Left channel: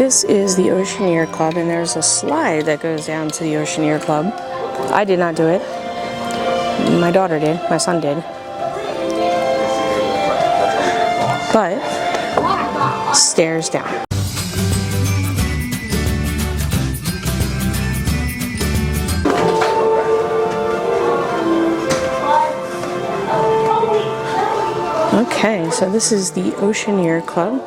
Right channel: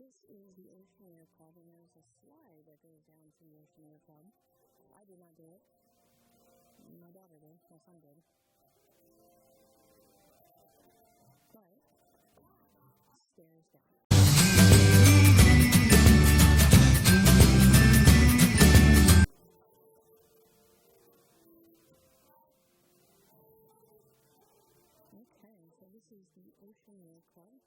This is the Oceaneer Club, and there's a slide that goes down to the Oceaneer Club. I did not do it. My daughter did. My son did. But stairs down. Okay, so this is the Oceaneer Club.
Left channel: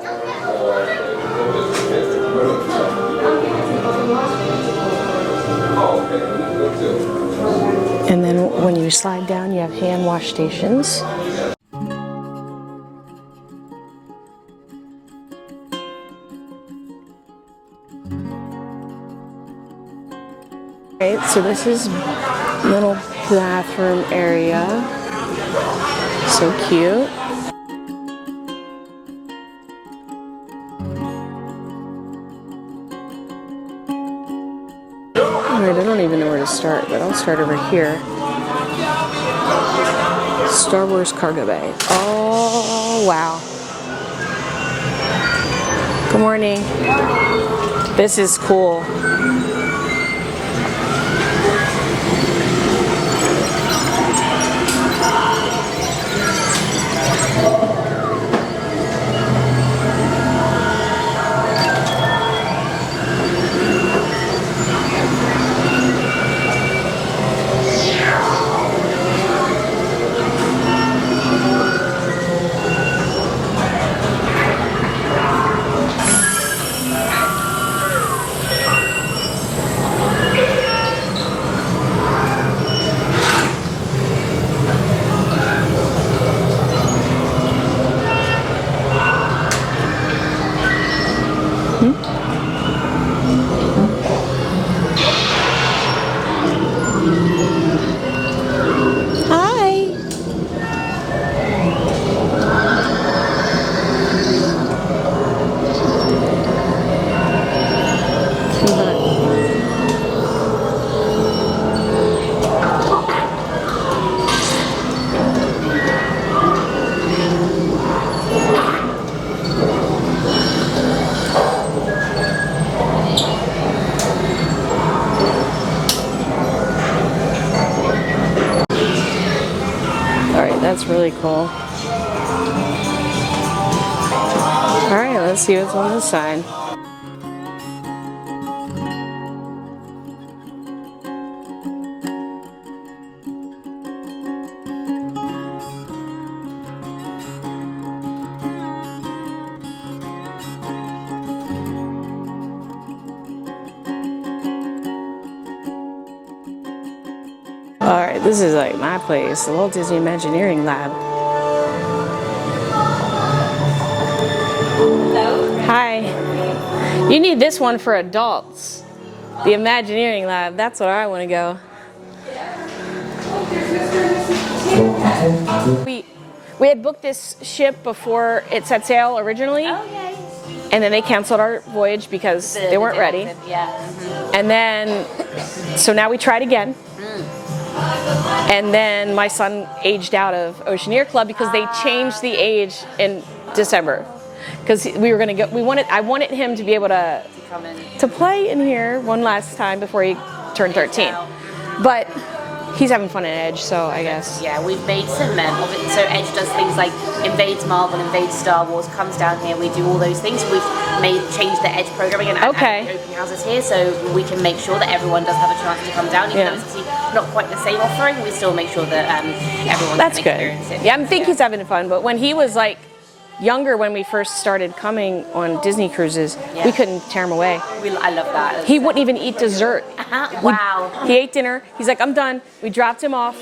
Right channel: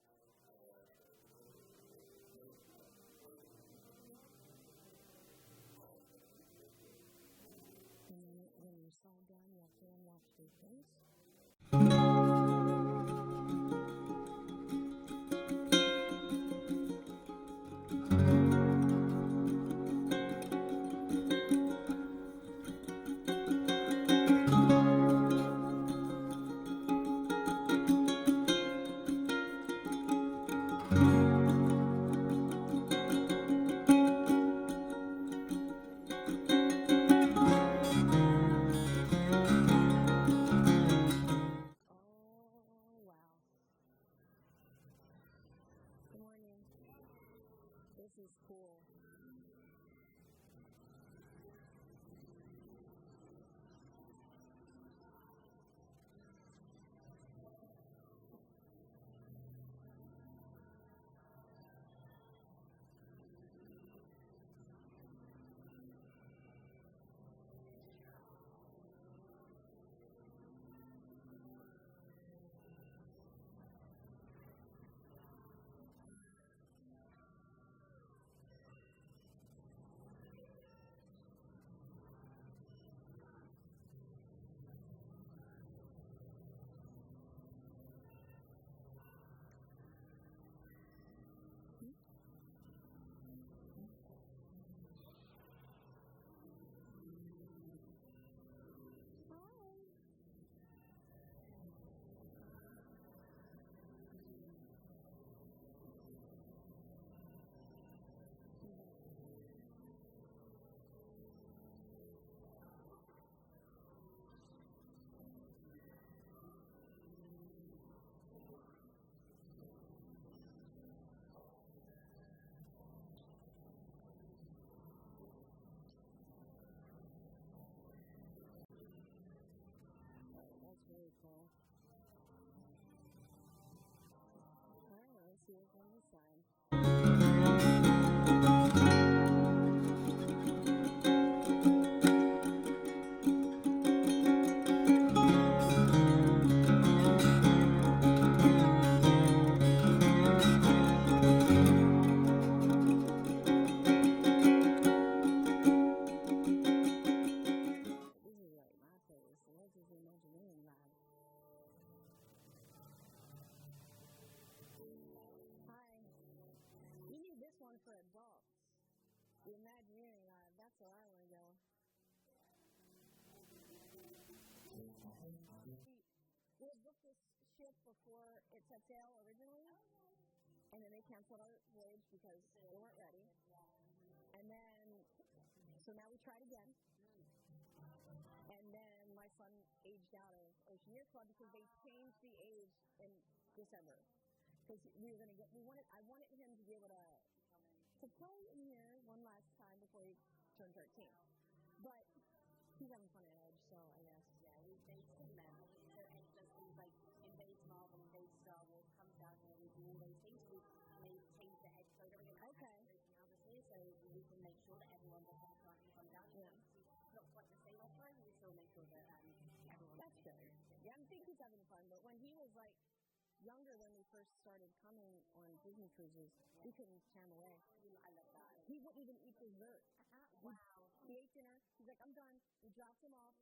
And then when you slide down, you have hand wash stations. Right, so this is little bathroom area. So cute. Alright, I don't even know where to start, but I'll start over here. Star Wars cargo bay. Oh, wow. Good morning. This is cool. That's really cool. Alright, let's see what's on this side. Alright, this is like my place, the Walt Disney Imagineering Lab. Hello. Hi. You need this one for adults. The Imagineering Lab, that's where I want to go. We had booked this ship before it set sail originally. Okay. And then they canceled our voyage because they weren't ready. Yeah. And then, so now we tried again. And then my son aged out of Oceaneer Club because they changed the age in December. Because we were gonna go, I wanted him to be able to play in here one last time before he turned 13. But he's having fun at Edge, so I guess. Yeah, we've made some so Edge does things like invades Marvel, invades Star Wars, comes down here, we do all those things. We've changed the Edge programming and opening houses here so we can make sure that everyone does have a chance to come down. Even though it's not quite the same offering, we still make sure that everyone can experience it. Yeah, I think he's having fun, but when he was like younger, when we first started coming on Disney cruises, we couldn't tear him away. I love that. He wouldn't even eat dessert. Wow. He ate dinner. He's like, I'm done. We dropped him off.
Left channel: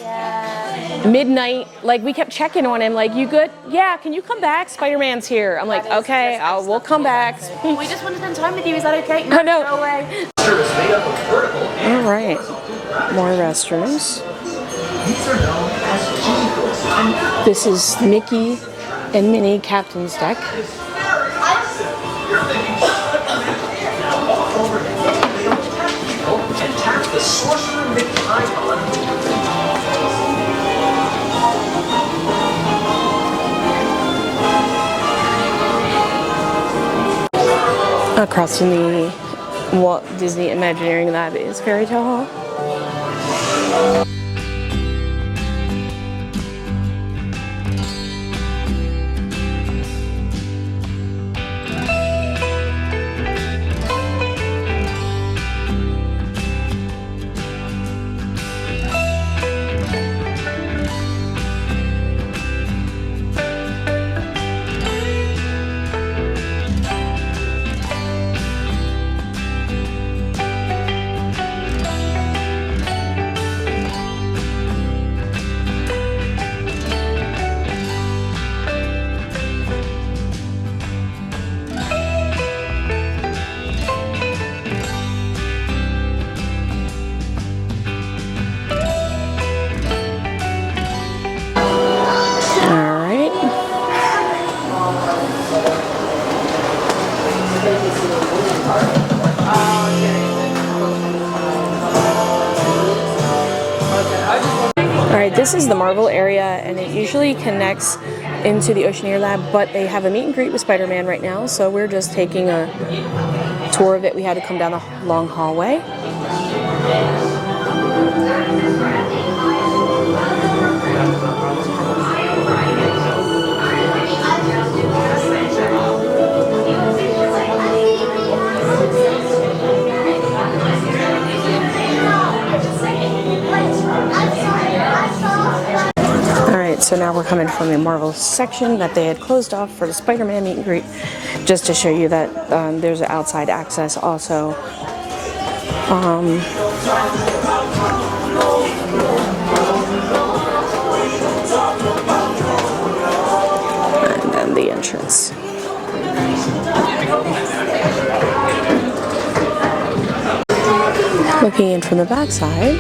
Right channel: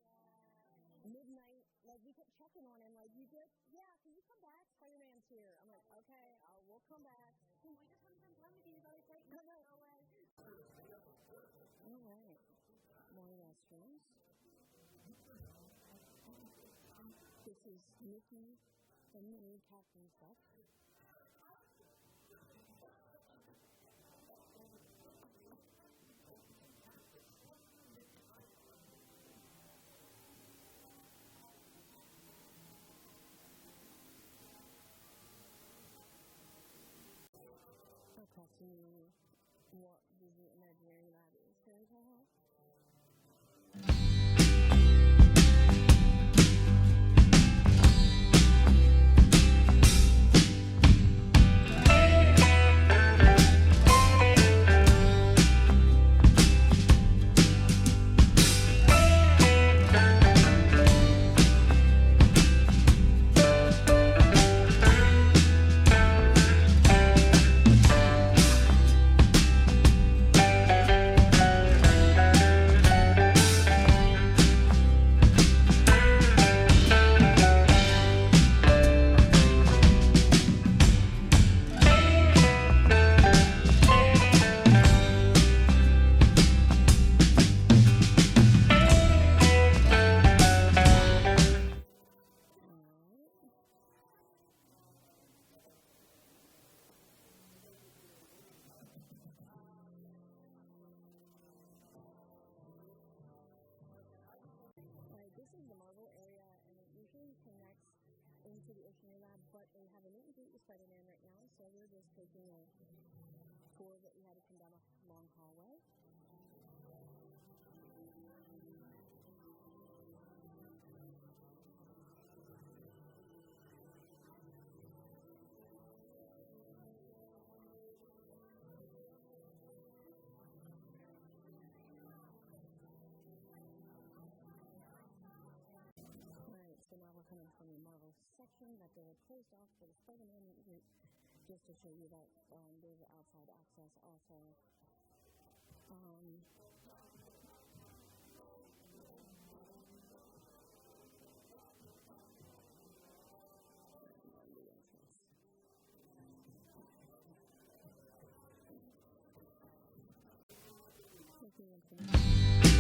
Midnight. Like, we kept checking on him. Like, you good? Yeah, can you come back? Spider-Man's here. I'm like, okay, we'll come back. We just want to spend time with you. Is that okay? No, no. Go away. All right. More restrooms. This is Mickey and Minnie Captain's Deck. across from the Walt Disney Imagineering Lab is Fairy Tale Hall. Alright, this is the Marvel area, and it usually connects into the Oceaneer lab, but they have a meet and greet with Spider-Man right now, so we're just taking a tour of it. We had to come down the long hallway. So now we're coming from the Marvel section that they had closed off for the Spider-Man meet and greet, just to show you that there's an outside access also. And then the entrance. Looking in from the back side.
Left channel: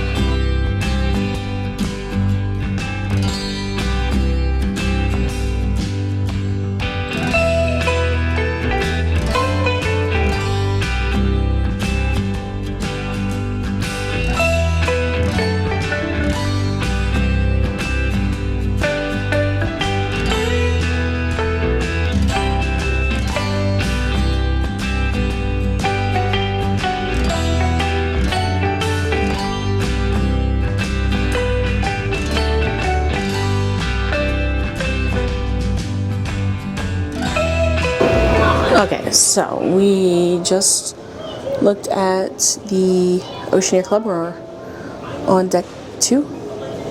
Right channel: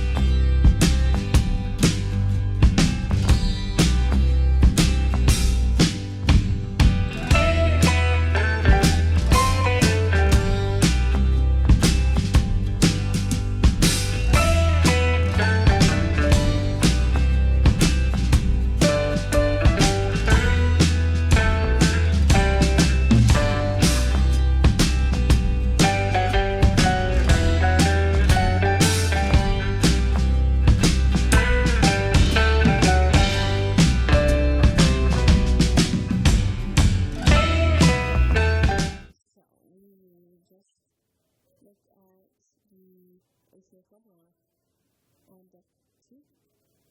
So we just looked at the Oceaneer Club. We're on deck 2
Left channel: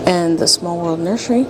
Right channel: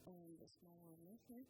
and the Small World Nursery.